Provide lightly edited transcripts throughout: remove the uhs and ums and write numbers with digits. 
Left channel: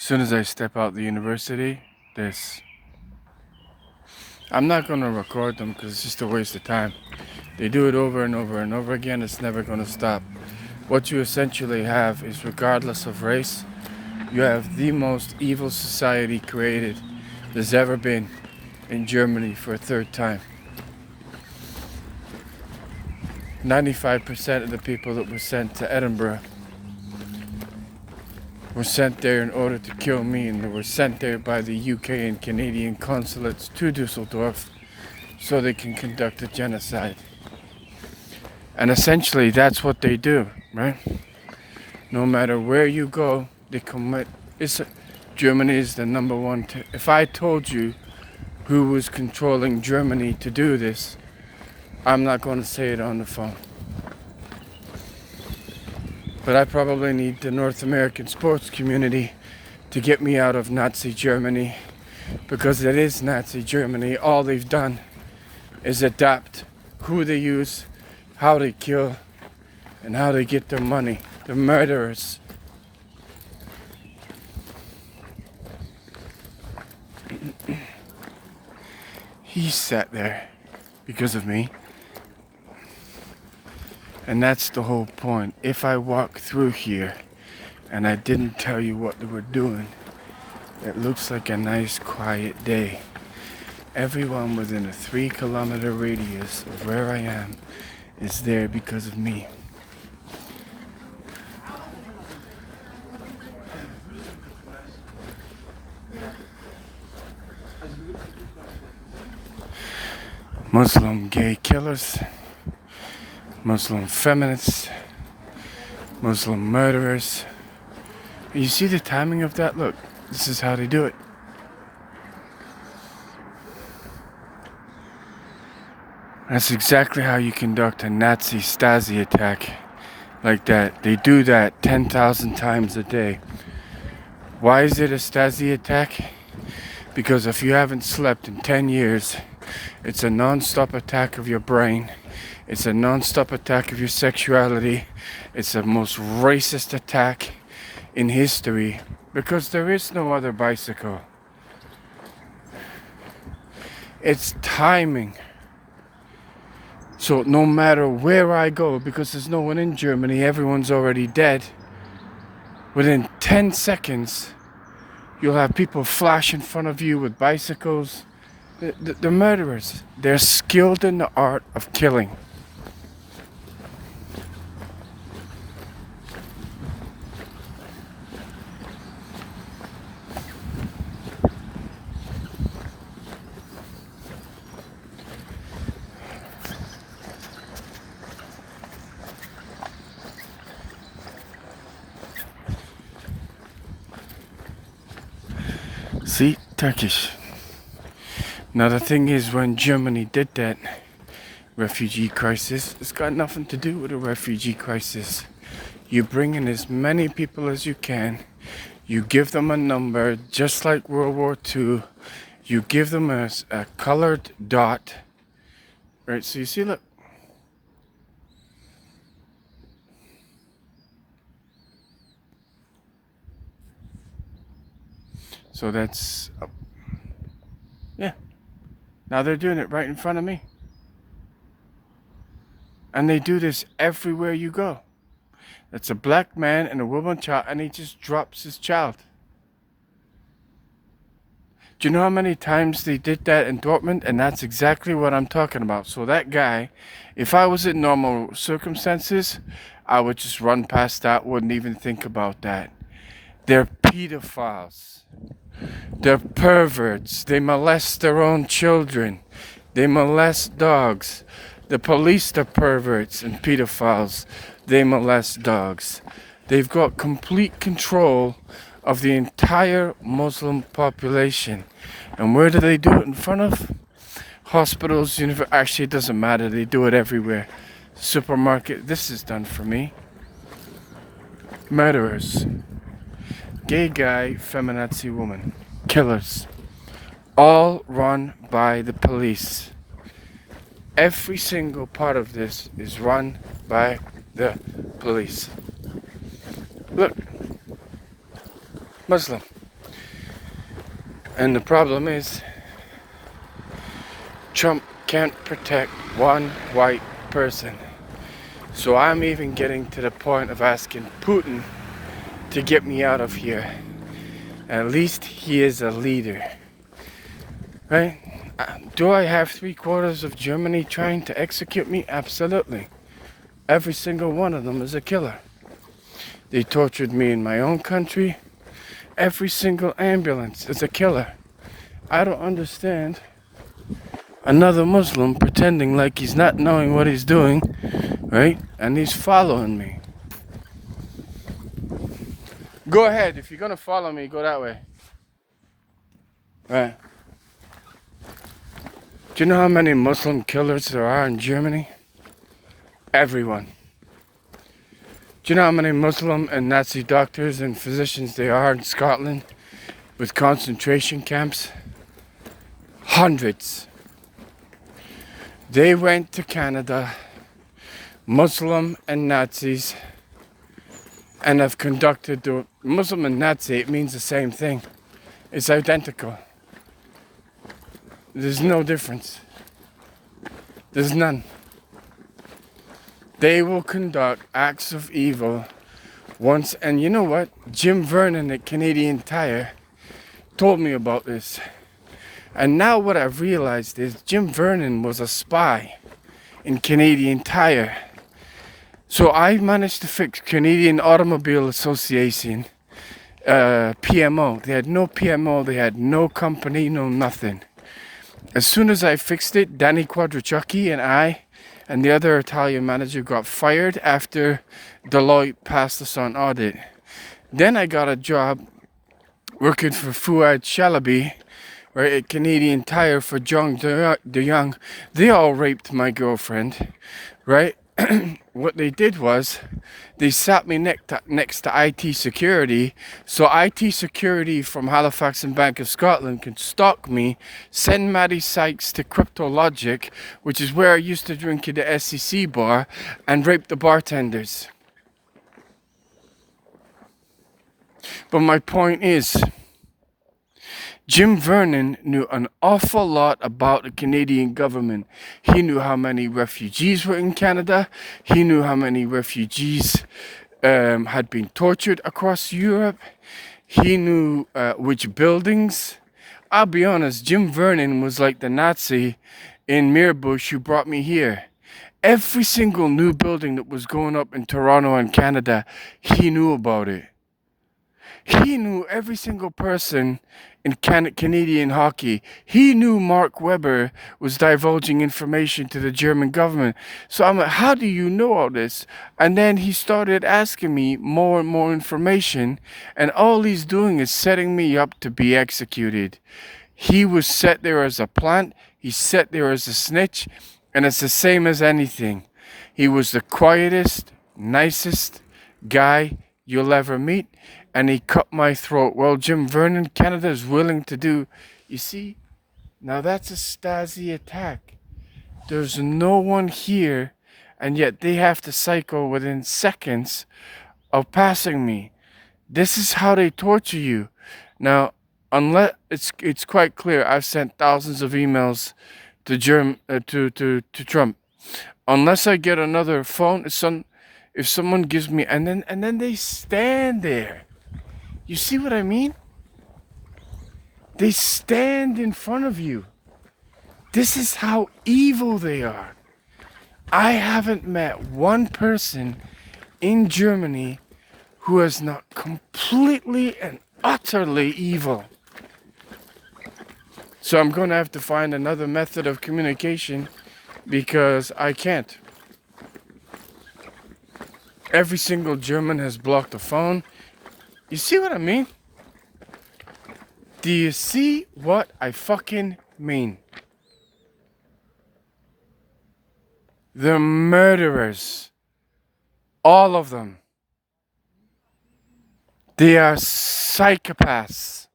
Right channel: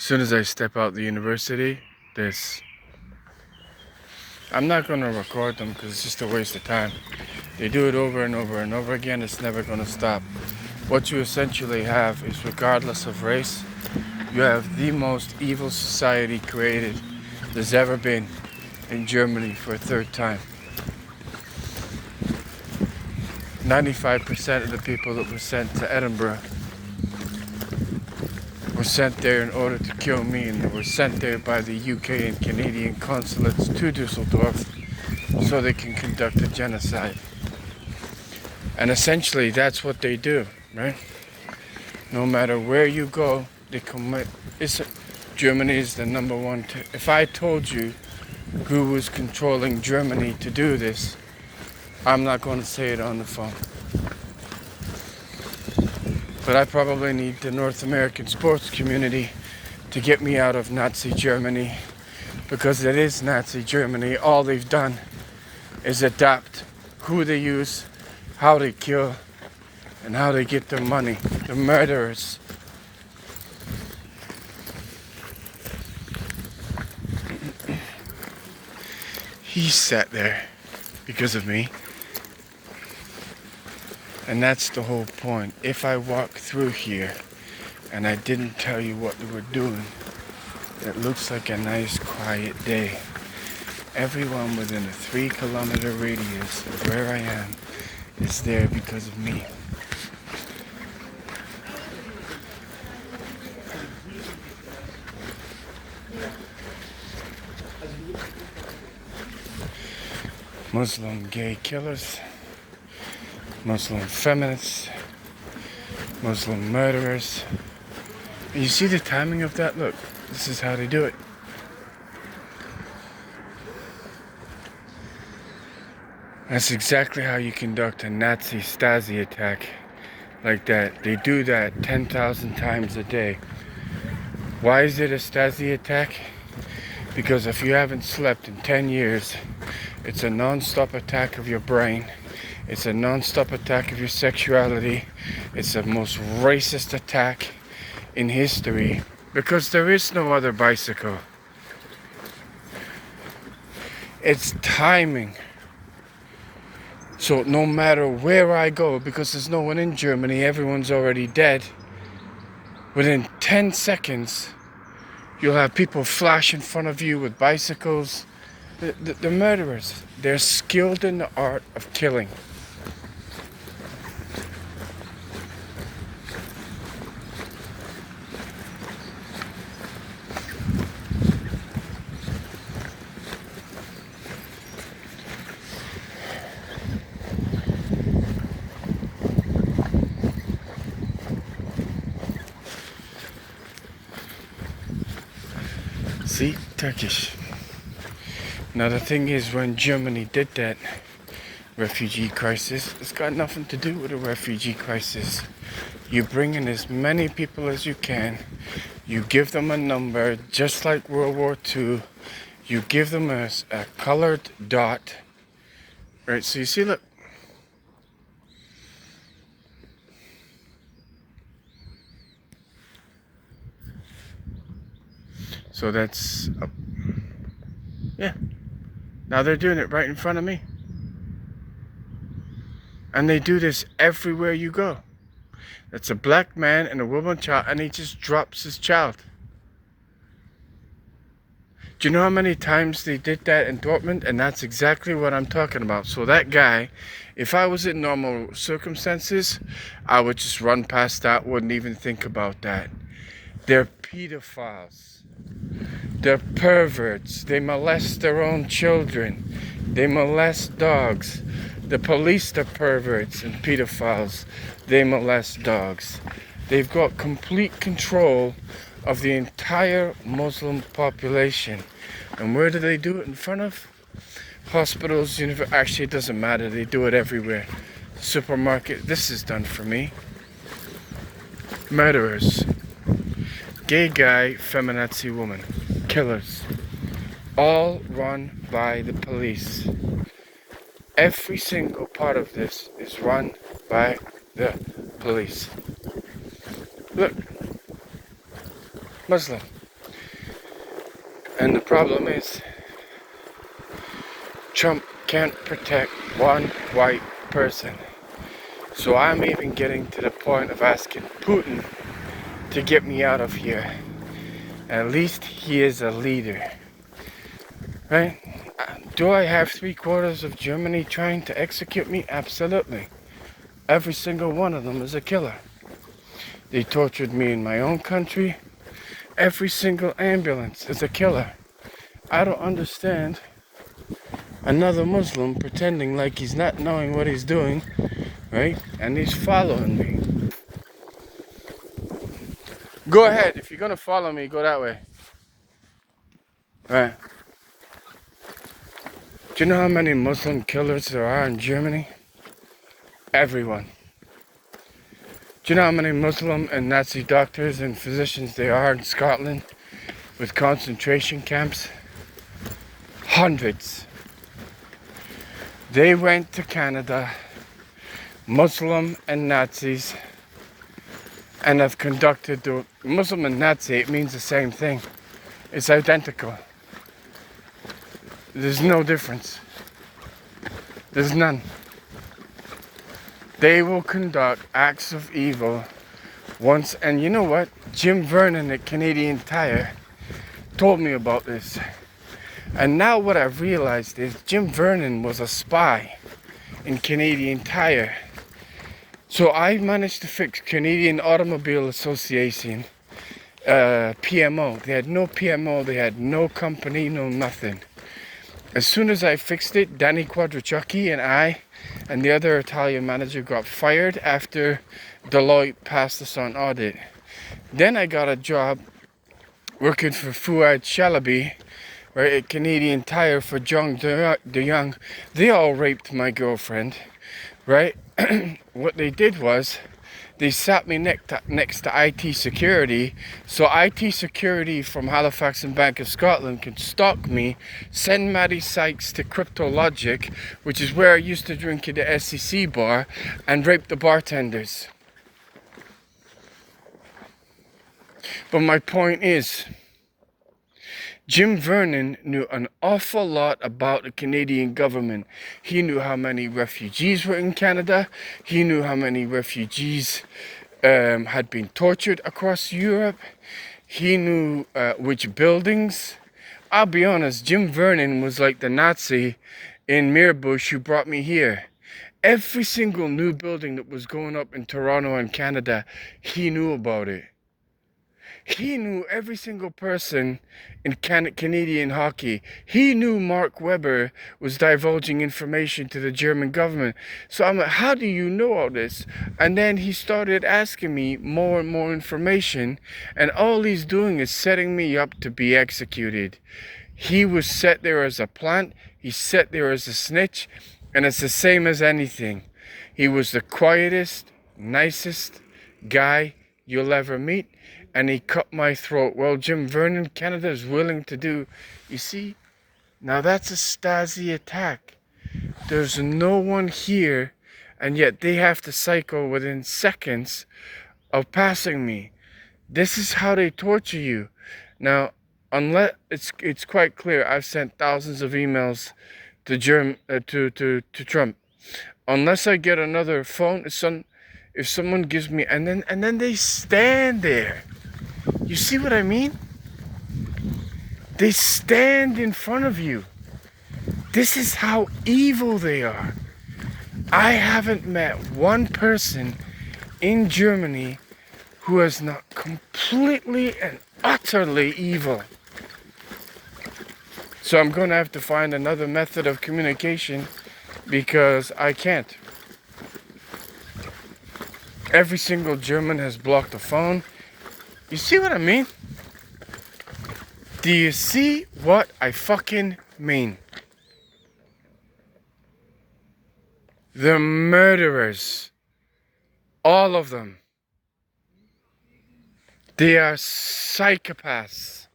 As soon as I step out the university, this. I'm not going to record them because it's just a waste of time. They do it over and over and over again. It's never going to stop. What you essentially have is, regardless of race, you have the most evil society created there's ever been in Germany for a third time. 95% of the people that were sent to Edinburgh were sent there in order to kill me, and they were sent there by the UK and Canadian consulates to Dusseldorf so they can conduct a genocide. And essentially that's what they do, right? No matter where you go, they commit. Germany is the number one. If I told you who was controlling Germany to do this, I'm not going to say it on the phone. But I probably need the North American sports community to get me out of Nazi Germany, because it is Nazi Germany. All they've done is adapt who they use, how they kill, and how they get their money. The murderers. He sat there because of me. And that's the whole point. If I walk through here and I didn't tell you what they were doing, it looks like a nice quiet day. Everyone within a 3-kilometer radius of where I am is there because of me. Muslim gay killers, Muslim feminists, Muslim murderers. You see the timing of that? Look, this is how they do it. That's exactly how you conduct a Nazi Stasi attack like that. They do that 10,000 times a day. Why is it a Stasi attack? Because if you haven't slept in 10 years, it's a non-stop attack of your brain. It's a non-stop attack of your sexuality. It's the most racist attack in history, because there is no other bicycle. It's timing. So no matter where I go, because there's no one in Germany, everyone's already dead, within 10 seconds, you'll have people flash in front of you with bicycles. The murderers, they're skilled in the art of killing. See, Turkish. Now the thing is, when Germany did that refugee crisis, it's got nothing to do with a refugee crisis. You bring in as many people as you can. You give them a number, just like World War II. You give them a colored dot. Right, so you see, look. So that's, yeah. Now they're doing it right in front of me. And they do this everywhere you go. It's a black man and a woman child, and he just drops his child. Do you know how many times they did that in Dortmund? And that's exactly what I'm talking about. So that guy, if I was in normal circumstances, I would just run past that, wouldn't even think about that. They're pedophiles. They're perverts. They molest their own children. They molest dogs. The police are perverts and pedophiles. They molest dogs. They've got complete control of the entire Muslim population. And where do they do it? In front of hospitals, actually it doesn't matter. They do it everywhere. Supermarket. This is done for me. Murderers. Gay guy, feminazi woman. Killers. All run by the police. Every single part of this is run by the police. Look. Muslim. And the problem is, Trump can't protect one white person. So I'm even getting to the point of asking Putin to get me out of here. At least he is a leader. Right? Do I have 3/4 of Germany trying to execute me? Absolutely. Every single one of them is a killer. They tortured me in my own country. Every single ambulance is a killer. I don't understand another Muslim pretending like he's not knowing what he's doing, right? And he's following me. Go ahead. If you're gonna follow me, go that way. Right. Do you know how many Muslim killers there are in Germany? Everyone. Do you know how many Muslim and Nazi doctors and physicians there are in Scotland with concentration camps? Hundreds. They went to Canada, Muslim and Nazis, and have conducted the Muslim and Nazi, it means the same thing. It's identical. There's no difference. There's none. They will conduct acts of evil once, and you know what? Jim Vernon at Canadian Tire told me about this. And now what I've realized is Jim Vernon was a spy in Canadian Tire. So I managed to fix Canadian Automobile Association, PMO. They had no PMO, they had no company, no nothing. As soon as I fixed it, Danny Quadrichucchi and I and the other Italian manager got fired after Deloitte passed us on audit. Then I got a job working for Fuad Shalaby, right, at Canadian Tire for John DeYoung. They all raped my girlfriend, right? What they did was they sat me next to IT security, so IT security from Halifax and Bank of Scotland can stalk me, send Maddie Sykes to CryptoLogic, which is where I used to drink at the SEC bar, and rape the bartenders. But my point is, Jim Vernon knew an awful lot about the Canadian government. He knew how many refugees were in Canada. He knew how many refugees had been tortured across Europe. He knew which buildings. I'll be honest, Jim Vernon was like the Nazi in Mirbush who brought me here. Every single new building that was going up in Toronto and Canada, he knew about it. He knew every single person in Canadian hockey. He knew Mark Webber was divulging information to the German government. So I'm like, how do you know all this? And then he started asking me more and more information. And all he's doing is setting me up to be executed. He was set there as a plant. He's set there as a snitch. And it's the same as anything. He was the quietest, nicest guy you'll ever meet. And he cut my throat. Well, Jim Vernon, Canada is willing to do. You see, now that's a Stasi attack. There's no one here, and yet they have to cycle within seconds of passing me. This is how they torture you. Now, unless it's quite clear, I've sent thousands of emails to Trump. Unless I get another phone, if someone gives me, and then they stand there. You see what I mean? They stand in front of you. This is how evil they are. I haven't met one person in Germany who is not completely and utterly evil. So I'm going to have to find another method of communication because I can't. Every single German has blocked the phone. You see what I mean? Do you see what I fucking mean? The murderers. All of them. They are psychopaths.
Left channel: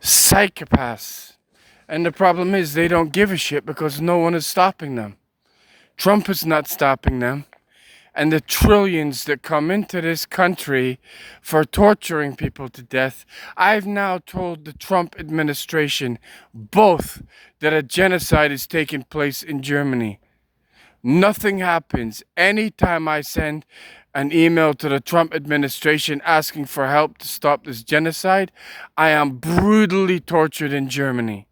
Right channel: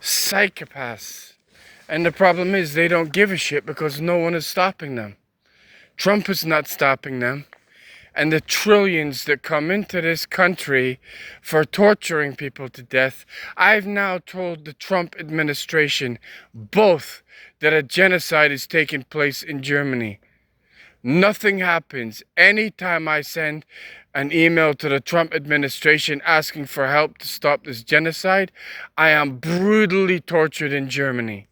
Psychopaths. And the problem is they don't give a shit because no one is stopping them. Trump is not stopping them. and the trillions that come into this country for torturing people to death, I've now told the Trump administration both that a genocide is taking place in Germany. Nothing happens. Anytime I send an email to the Trump administration asking for help to stop this genocide, I am brutally tortured in Germany.